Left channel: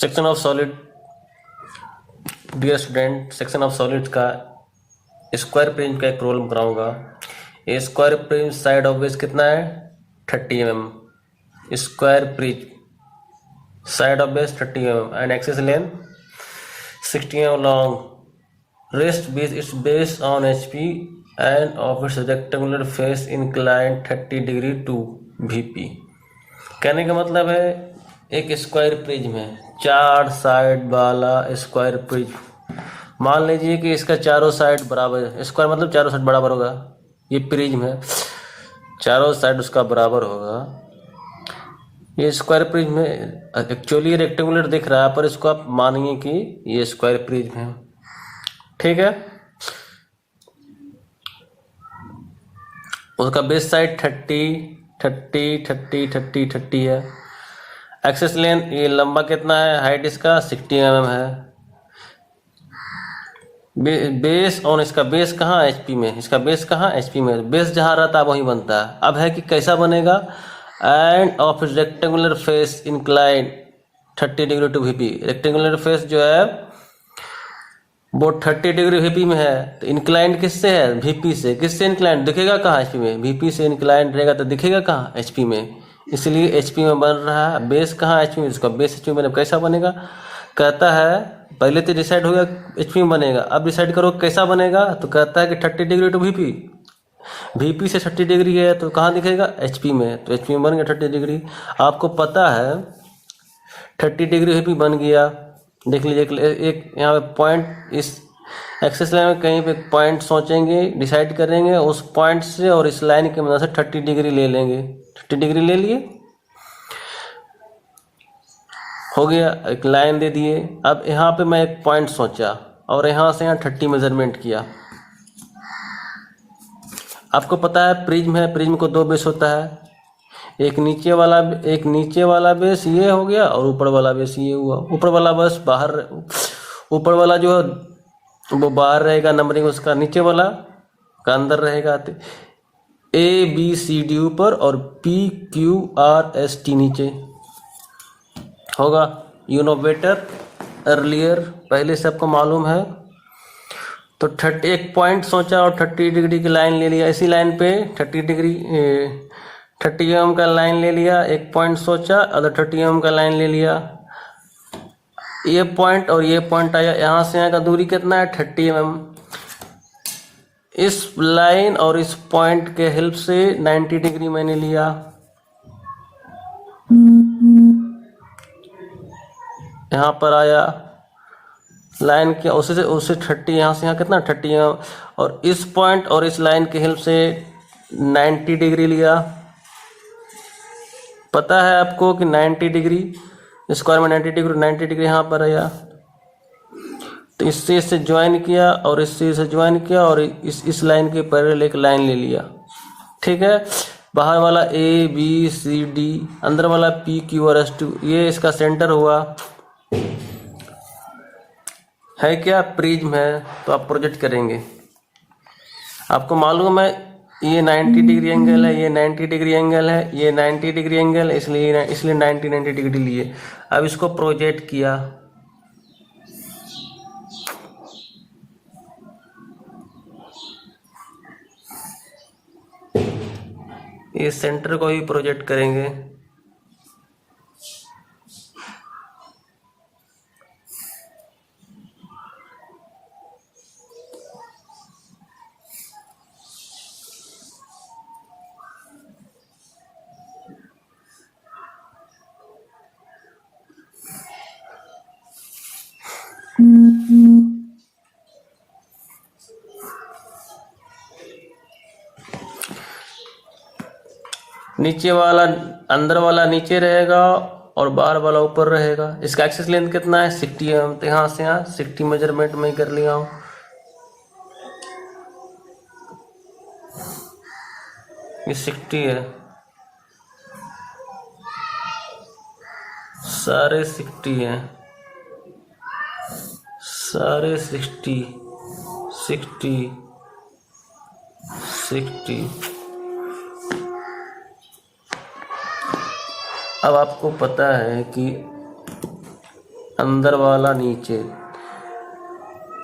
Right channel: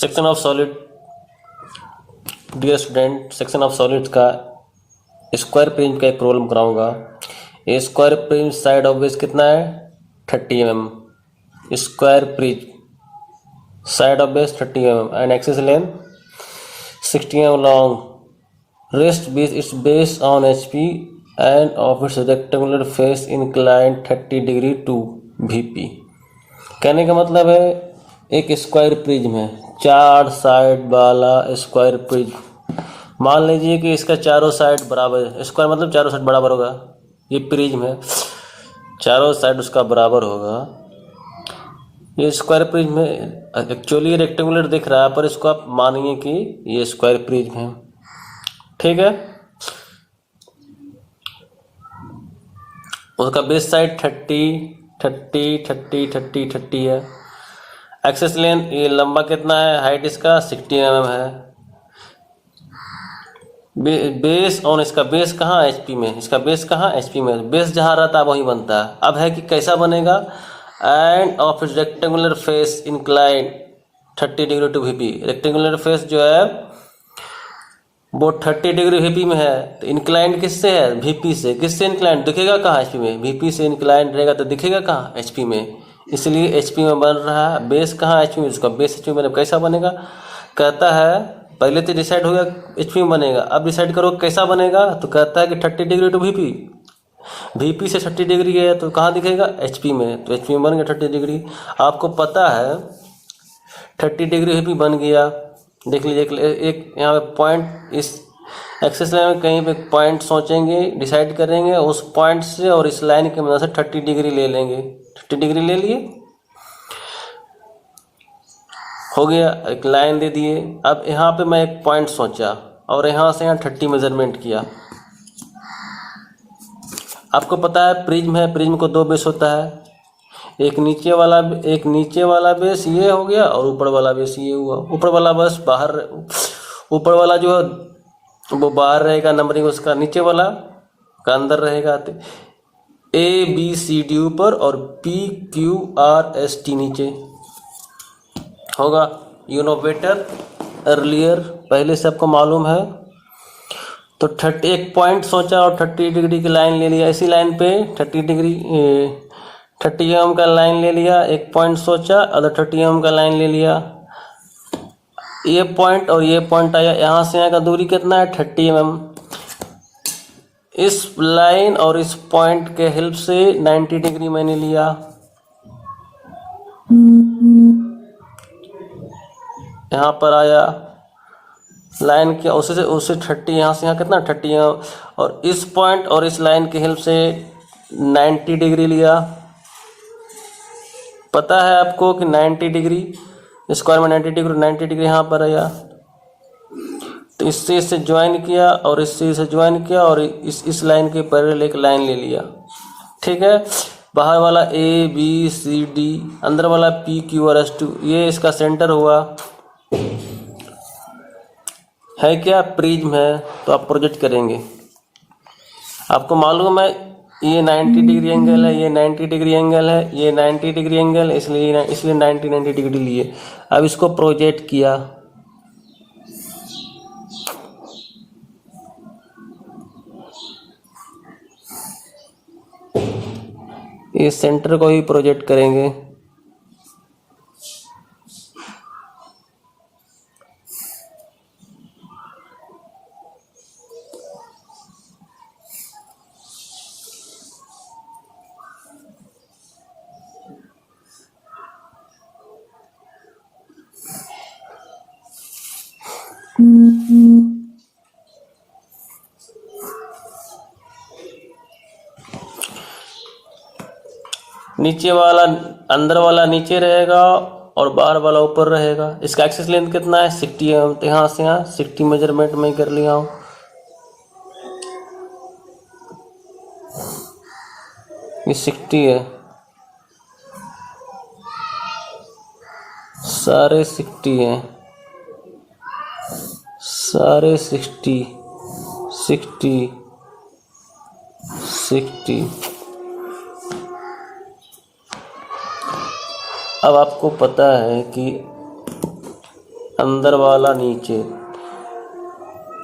Section of solid, dear student, section of solids का square prism का एक problem कराऊंगा। ये square prism side of base कितना है 30 mm, square prism side of base 30 mm and axis length 60 mm long, rest base its base on HP and of its rectangular face inclined 30 degree to VP। कहने का मतलब है एक square prism है, 4 side वाला square prism. मान लीजिए कि इसका चारों साइड बराबर है, स्क्वायर मतलब चारों साइड बराबर होगा। ये प्रिज्म है, चारों साइड उसका बराबर होगा। ये स्क्वायर प्रिज्म है, एक्चुअली रेक्टेंगुलर दिख रहा है पर इसको आप मानिए कि ये स्क्वायर प्रिज्म है, ठीक है। उसका बेस साइड 30 है। एक्सेस लेंथ, ये लंबा कितना है, हाइट इसका 60 mm है। बेस ऑन, इसका बेस कहाँ HP में, इसका बेस कहाँ HP में, बेस जहाँ रहता है वहीं बनता है। अब है कि कैसा बनेगा, and of its rectangular face incline 30 degree to VP। Rectangular face जो है वो 30 डिग्री VP में है, तो इंक्लाइंड किससे है, VP से। किससे इंक्लाइंड दिखेगा कहाँ, HP में। VP से इंक्लाइंड रहेगा तो दिखेगा कहाँ, HP में, इसलिए HP में बन रहा है। बेस कहाँ HP में, इसका बेस HP में बने। कैसा बनेगा, कहता है पहले तो डिसाइड हो गया HP में बनेगा, अब डिसाइड करो कैसा बनेगा, तो कहता है कि 30 डिग्री टू VP से 30 डिग्री है तो कहाँ दिखेगा, HP में, तो HP में बन गया 30 डिग्री। आपको पता है 30 डिग्री VP बन गया। देख लीजिए एक यहाँ पे पॉइंट, इस एक्सेस लाइन में कहीं पे पॉइंट सोचेंगे, डिसाइड करेंगे, उस पॉइंट से और इस लाइन की मदद से 30 डिग्री ले लेंगे। 30 डिग्री ले लिए, हो गया, एक लाइन दे दिए। अब यहाँ पे मैं एक पॉइंट सोचा और यहाँ से यहाँ 30 मेजरमेंट किया। आपको पता है प्रिज्म है, प्रिज्म को 2 बेस होता है, एक नीचे वाला बेस ये हो गया और ऊपर वाला बेस ये हुआ। ऊपर वाला बस बाहर, ऊपर वाला जो है वो बाहर रहेगा, नंबरिंग उसका, नीचे वाला का अंदर रहेगा। ABCD ऊपर और PQRST नीचे होगा। यू नो बेटर अर्लियर, पहले से आपको मालूम है। तो 30, एक पॉइंट सोचा और 30 डिग्री की लाइन ले लिया। इसी लाइन पे 30 mm का लाइन ले लिया। एक पॉइंट सोचा, अदर 30 mm का लाइन ले लिया। ये पॉइंट और ये पॉइंट आया, यहाँ से यहाँ का दूरी कितना है 30 mm। इस लाइन और इस पॉइंट के हेल्प से 90 डिग्री मैंने लिया। यहाँ पर आया लाइन के, उससे 30, यहाँ से यहाँ कितना 30 mm, और इस पॉइंट और इस लाइन के हेल्प से 90 डिग्री लिया। पता है आपको कि 90 डिग्री स्क्वायर में 90 डिग्री यहाँ पर आया। तो इससे ज्वाइन किया और इससे ज्वाइन किया और इस लाइन के पैरेलल एक लाइन ले लिया, ठीक है। बाहर वाला ABCD, अंदर वाला PQRST, ये इसका सेंटर हुआ, है क्या, प्रिज्म है। तो आप प्रोजेक्ट करेंगे, आपको मालूम है ये 90 डिग्री एंगल है, ये 90 डिग्री एंगल है, ये 90 डिग्री एंगल, इसलिए 90 डिग्री लिए। अब इसको प्रोजेक्ट किया, इस सेंटर को भी प्रोजेक्ट करेंगे। नीचे वाला, अंदर वाला नीचे रहेगा और बाहर वाला ऊपर रहेगा। इसका एक्सेस लेंथ कितना है 60 mm, तो यहाँ से यहाँ 60 मेजरमेंट में कर लिया हूँ। ये 60 है, सारे 60 हैं, सारे 60 अब आपको पता है कि अंदर वाला नीचे,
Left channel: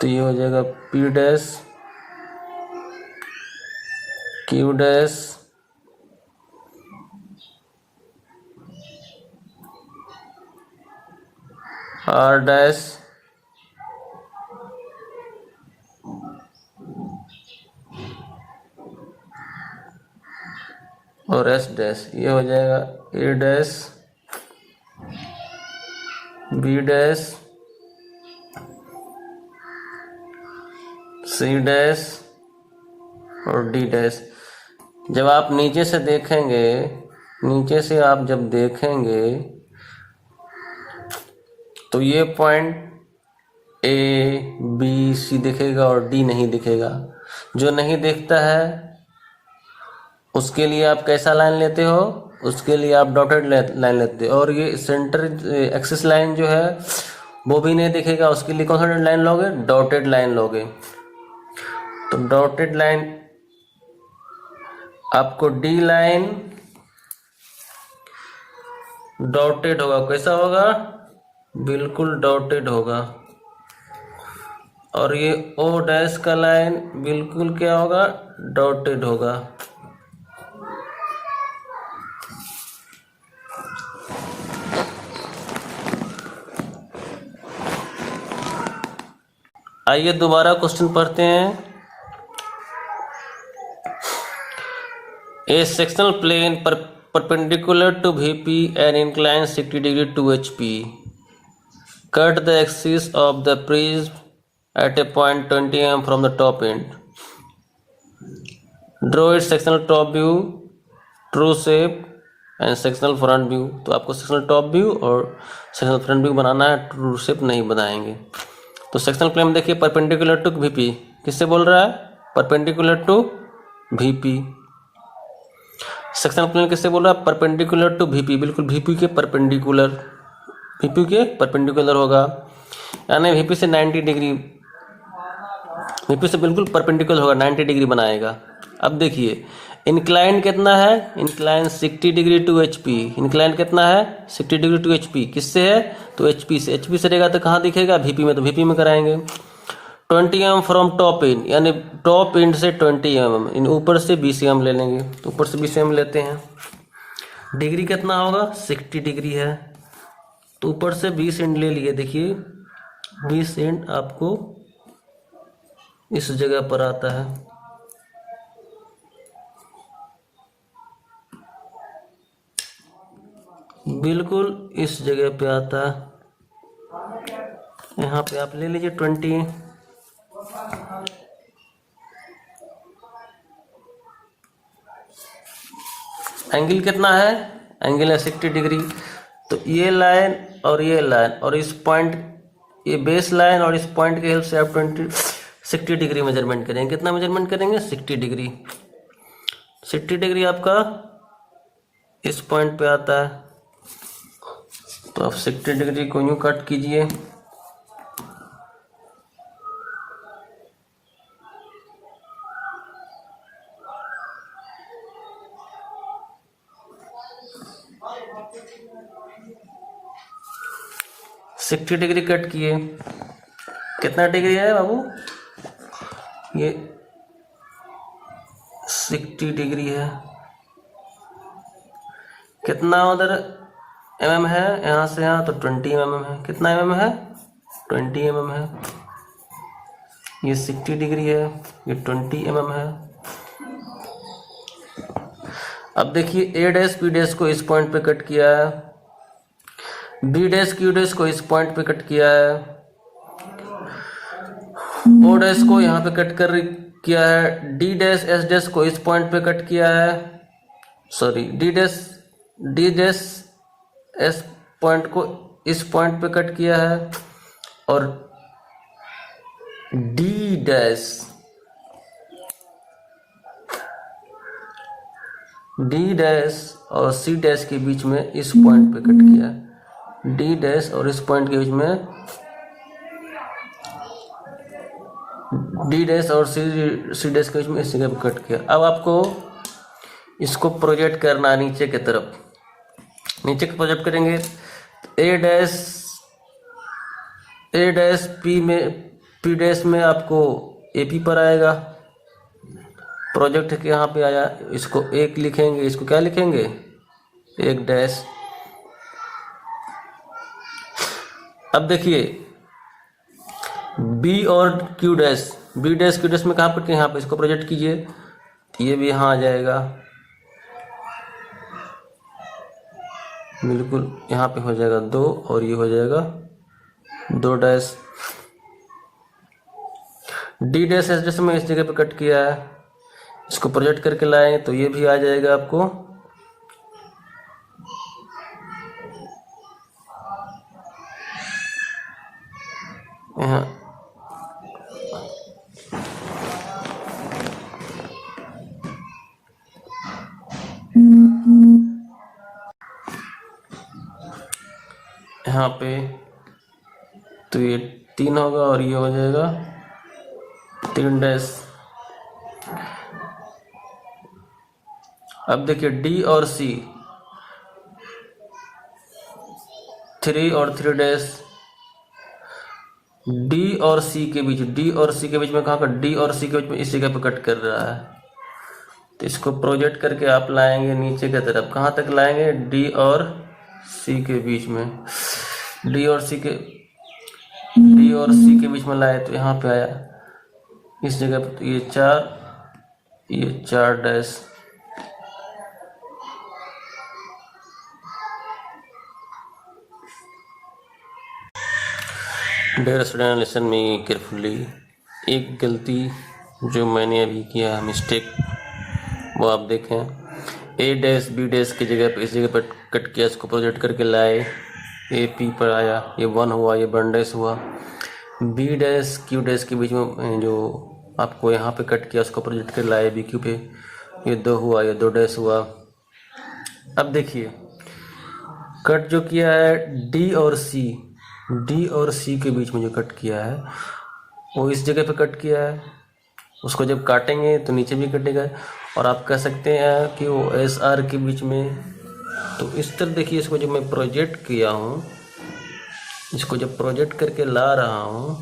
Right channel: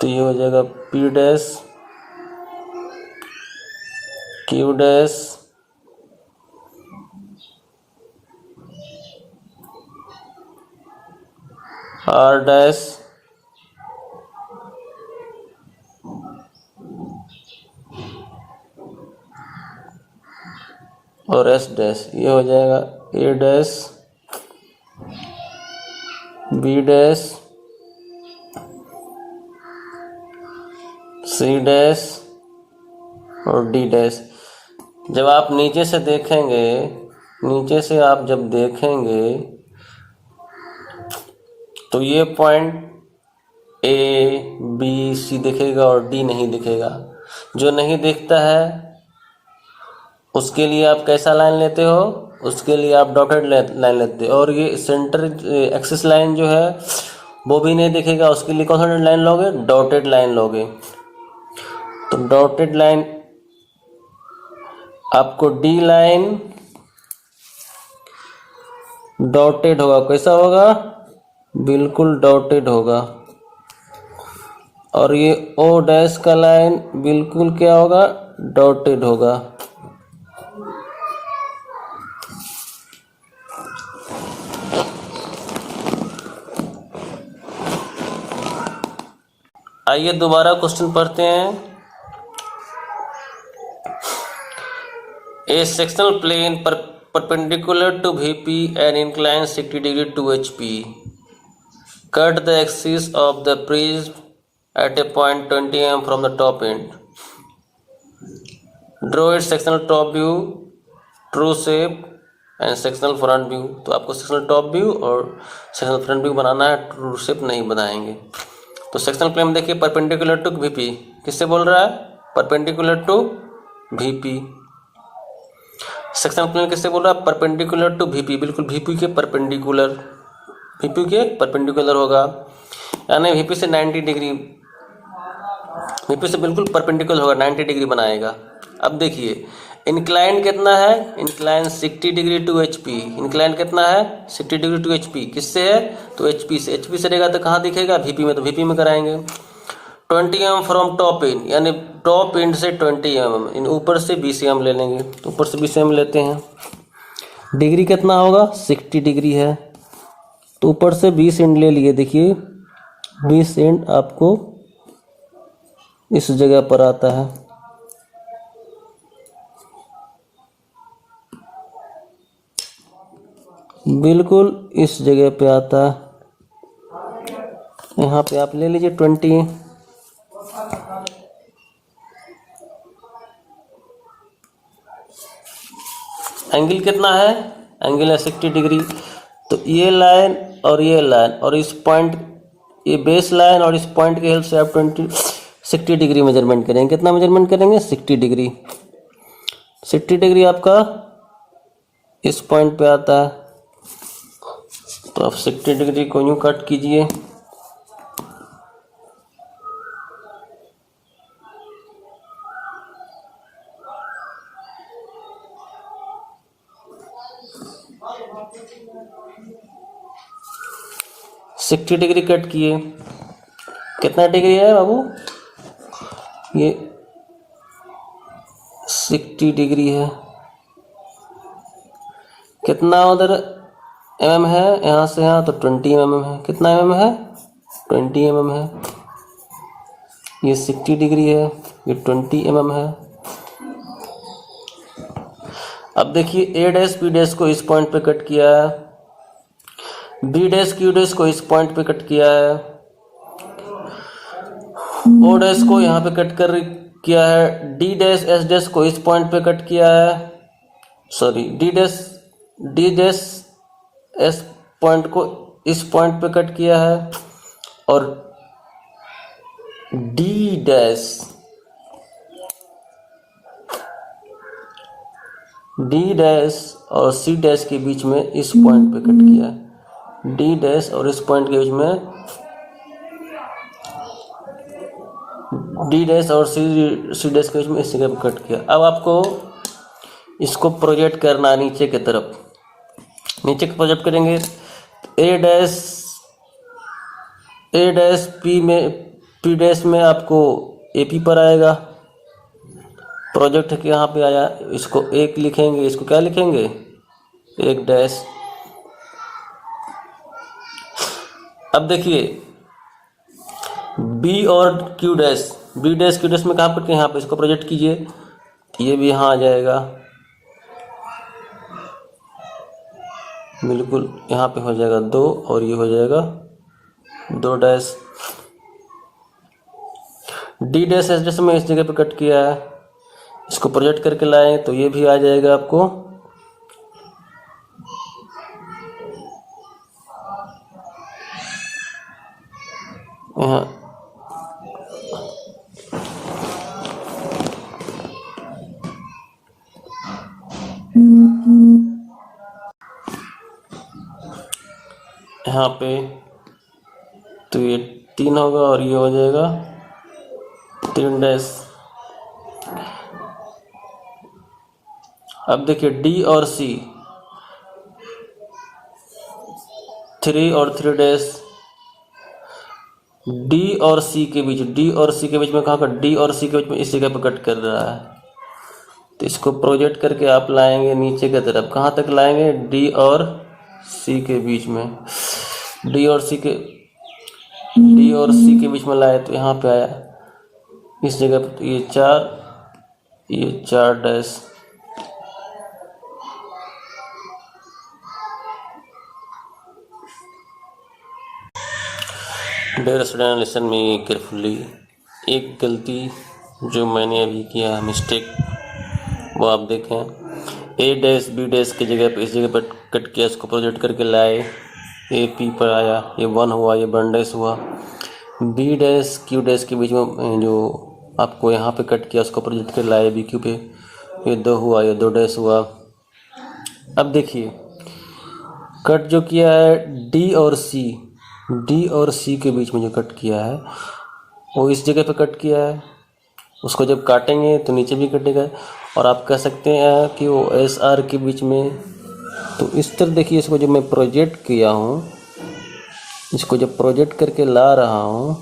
तो ये हो जाएगा P dash Q dash R dash और S डैश। ये हो जाएगा A dash B dash C dash और D डैश। जब आप नीचे से देखेंगे, नीचे से आप जब देखेंगे तो ये पॉइंट A B C दिखेगा और D नहीं दिखेगा। जो नहीं दिखता है उसके लिए आप कैसा लाइन लेते हो? उसके लिए आप डॉटेड लाइन लेते हो। और ये सेंटर एक्सिस लाइन जो है वो भी नहीं दिखेगा, उसके लिए कौन सा लाइन लोगे? डॉटेड लाइन लोगे। तो डॉटेड लाइन आपको D लाइन डॉटेड होगा। कैसा होगा? बिल्कुल डॉटेड होगा। और ये O डैश का लाइन बिल्कुल क्या होगा? डॉटेड होगा। आइए दोबारा क्वेश्चन पढ़ते हैं। A sectional plane perpendicular to VP and inclined 60 degree to HP cut the axis of the prism at a point 20 mm from the top end. Draw its sectional top view, true shape and sectional front view। तो आपको sectional top view और sectional front view बनाना है, true shape नहीं बनाएंगे। तो sectional plane देखिए perpendicular to VP, किससे बोल रहा है? Perpendicular to VP। Sectional plane किससे बोल रहा है? परपेंडिकुलर टू VP, बिल्कुल VP के परपेंडिकुलर, VP के परपेंडिकुलर होगा। यानी VP से 90 डिग्री, VP से बिल्कुल परपेंडिकुलर होगा, 90 डिग्री बनाएगा। अब देखिए इंक्लाइन कितना है? Incline 60 degree to HP। Incline कितना है? 60 डिग्री टू HP। किससे है? तो HP से। HP से रहेगा तो कहाँ दिखेगा? VP में, तो VP में कराएंगे। 20 mm फ्रॉम टॉप एंड, यानी टॉप एंड से 20 mm, इन ऊपर से 20 mm ले लेंगे। तो ऊपर से 20 mm लेते हैं। डिग्री कितना होगा? 60 डिग्री है, तो ऊपर से 20 एंड ले लिए। देखिए 20 एंड आपको इस जगह पर आता है, बिल्कुल इस जगह पे आता है। यहाँ पे आप ले लीजिए 20। एंगल कितना है? एंगल है 60 डिग्री। तो ये लाइन और ये लाइन और इस पॉइंट, ये बेस लाइन और इस पॉइंट के हेल्प से आप 60 डिग्री मेजरमेंट करेंगे। कितना मेजरमेंट करेंगे? 60 डिग्री। 60 डिग्री आपका इस पॉइंट पे आता है। तो आप 60 डिग्री को यूं कट कीजिए। सिक्सटी डिग्री कट किए। कितना डिग्री है बाबू? ये 60 डिग्री है। कितना उधर mm है? यहाँ से यहाँ तो 20 mm है। कितना mm है? 20 mm है। ये 60 डिग्री है, ये 20 mm है। अब देखिए A डैश P डैश को इस पॉइंट पे कट किया है, B डैश Q डैश को इस पॉइंट पे कट किया है, O डैश को यहाँ पे कट कर किया है, D डैश S डैश को इस पॉइंट पे कट किया है, sorry D dash S point को इस पॉइंट पे कट किया है, और D डैश और C डैश के बीच में इस पॉइंट पे कट किया है। D डैश और इस पॉइंट के बीच में, D डैश और C डैश के बीच में इस जगह पे कट किया। अब आपको इसको प्रोजेक्ट करना है नीचे की तरफ। नीचे प्रोजेक्ट करेंगे A dash A dash P dash में आपको AP पर आएगा। प्रोजेक्ट के यहाँ पे आया, इसको एक लिखेंगे, इसको क्या लिखेंगे, एक डैश। अब देखिए बी और Q dash, B dash Q dash में कहाँ पर, यहाँ पे इसको प्रोजेक्ट कीजिए, ये भी यहाँ आ जाएगा, बिल्कुल यहाँ पे हो जाएगा 2 और ये हो जाएगा 2 dash. D dash S dash में इस जगह पे कट किया है, इसको प्रोजेक्ट करके लाएं तो ये भी आ जाएगा आपको यहाँ। यहाँ पे तो ये 3 होगा और ये हो जाएगा 3 डैश। अब देखिए डी और सी, 3 और 3 डैश। डी और सी के बीच, डी और सी के बीच में कहाँ पर, डी और सी के बीच में इस जगह पर कट कर रहा है, तो इसको प्रोजेक्ट करके आप लाएंगे नीचे की तरफ, कहाँ तक लाएंगे, डी और सी के बीच में। डी और सी के बीच में लाए तो यहाँ पे आया इस जगह पे, तो ये 4 dash. Dear student listen me carefully, एक गलती जो मैंने अभी किया है, मिस्टेक, वो आप देखें। ए डैश बी डैश की जगह पे इस जगह पर कट किया, इसको प्रोजेक्ट करके लाए, AP पर आया, ये 1 हुआ, ये 1 डैश हुआ। बी डैश क्यू डैश के बीच में जो आपको यहाँ पे कट किया, उसको प्रोजेक्ट कर लाए BQ पे, ये 2 हुआ, ये 2 डैश हुआ। अब देखिए कट जो किया है डी और सी के बीच में जो कट किया है वो इस जगह पे कट किया है, उसको जब काटेंगे तो नीचे भी कटेगा। और आप कह सकते हैं कि वो SR के बीच में, तो इस तरह देखिए, इसको जब मैं प्रोजेक्ट किया हूँ, इसको जब प्रोजेक्ट करके ला रहा हूँ,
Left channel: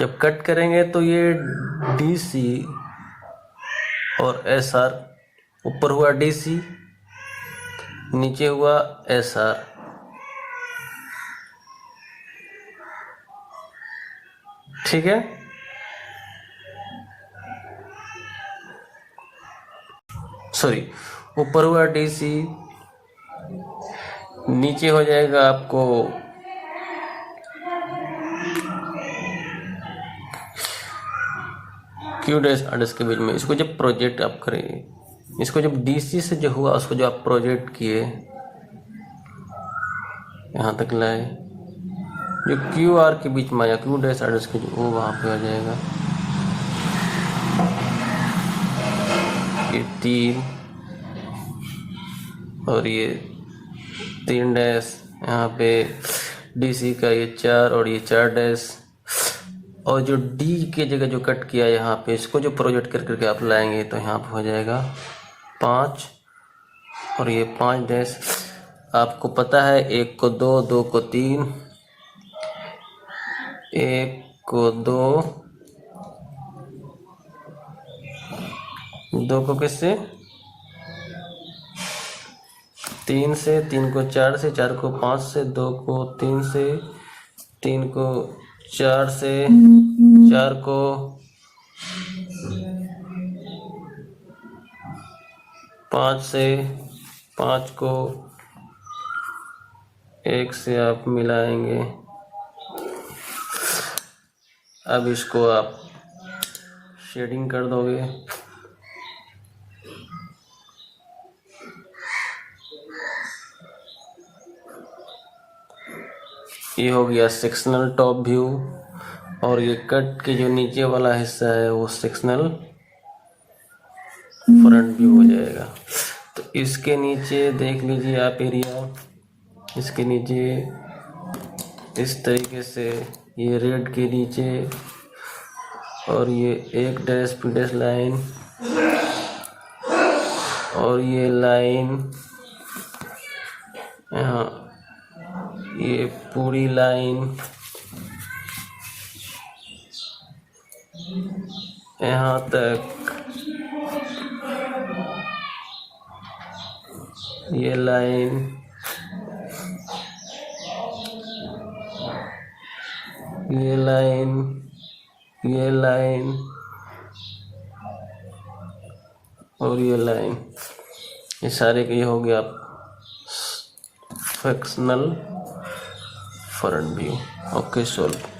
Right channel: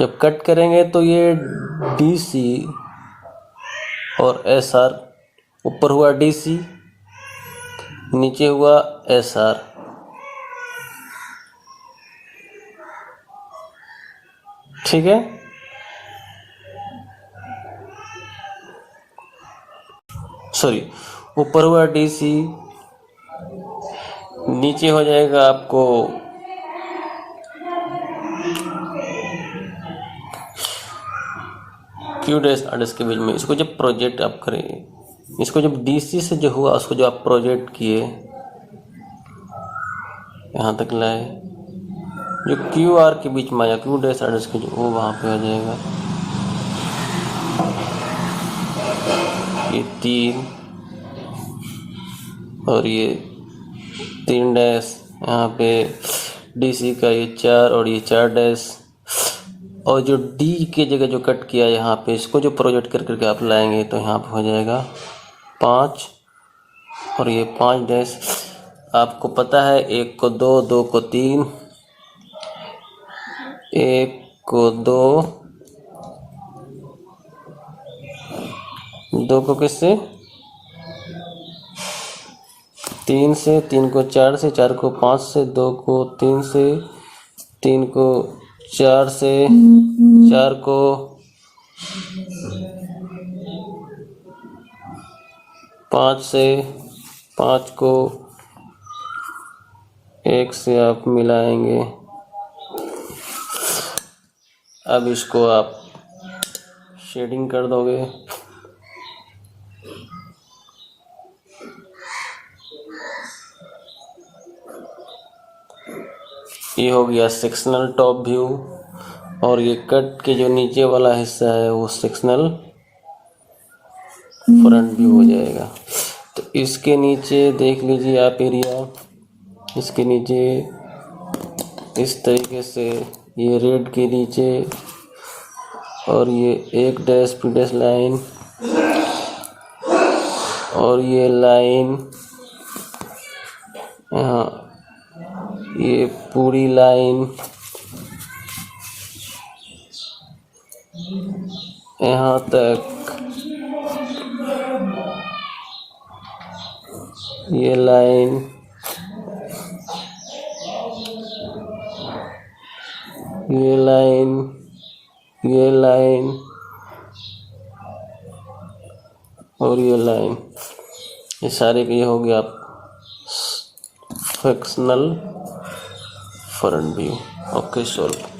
जब कट करेंगे तो ये DC और SR, ऊपर हुआ DC, नीचे हुआ SR। ठीक है, सॉरी, ऊपर हुआ DC, नीचे हो जाएगा आपको क्यू डैश आर डैश के बीच में। इसको जब प्रोजेक्ट आप करेंगे, इसको जब DC से जो हुआ उसको जो आप प्रोजेक्ट किए यहाँ तक लाए, जो QR के बीच में आया, क्यू डैश आर डैश के, जो वो वहाँ पे आ जाएगा, ये 3 और ये 3 डैश, यहाँ पे DC का ये 4 और ये 4 डैश। और जो D के जगह जो कट किया यहाँ पे, इसको जो प्रोजेक्ट कर करके आप लाएंगे तो यहाँ पे हो जाएगा 5 और ये 5 डैश। आपको पता है 1 को 2, 2 को 3, 1 को 2, 2 को किससे, 3 से, 3 को 4 से, 4 को 5 से, 2 को 3 से, 3 को 4 से, 4 को 5 से, 5 को 1 से आप मिलाएंगे। अब इसको आप शेडिंग कर दोगे, ये हो गया सेक्शनल टॉप व्यू। और ये कट के जो नीचे वाला हिस्सा है वो सेक्शनल फ्रंट व्यू हो जाएगा। तो इसके नीचे देख लीजिए आप एरिया, इसके नीचे इस तरीके से ये रेड के नीचे, और ये 1 डैश P डैश लाइन, और ये लाइन यहाँ ये पूरी लाइन यहाँ तक, ये लाइन, ये लाइन, ये लाइन और ये लाइन, ये सारे के ये हो गया fractional front view. Okay, solve.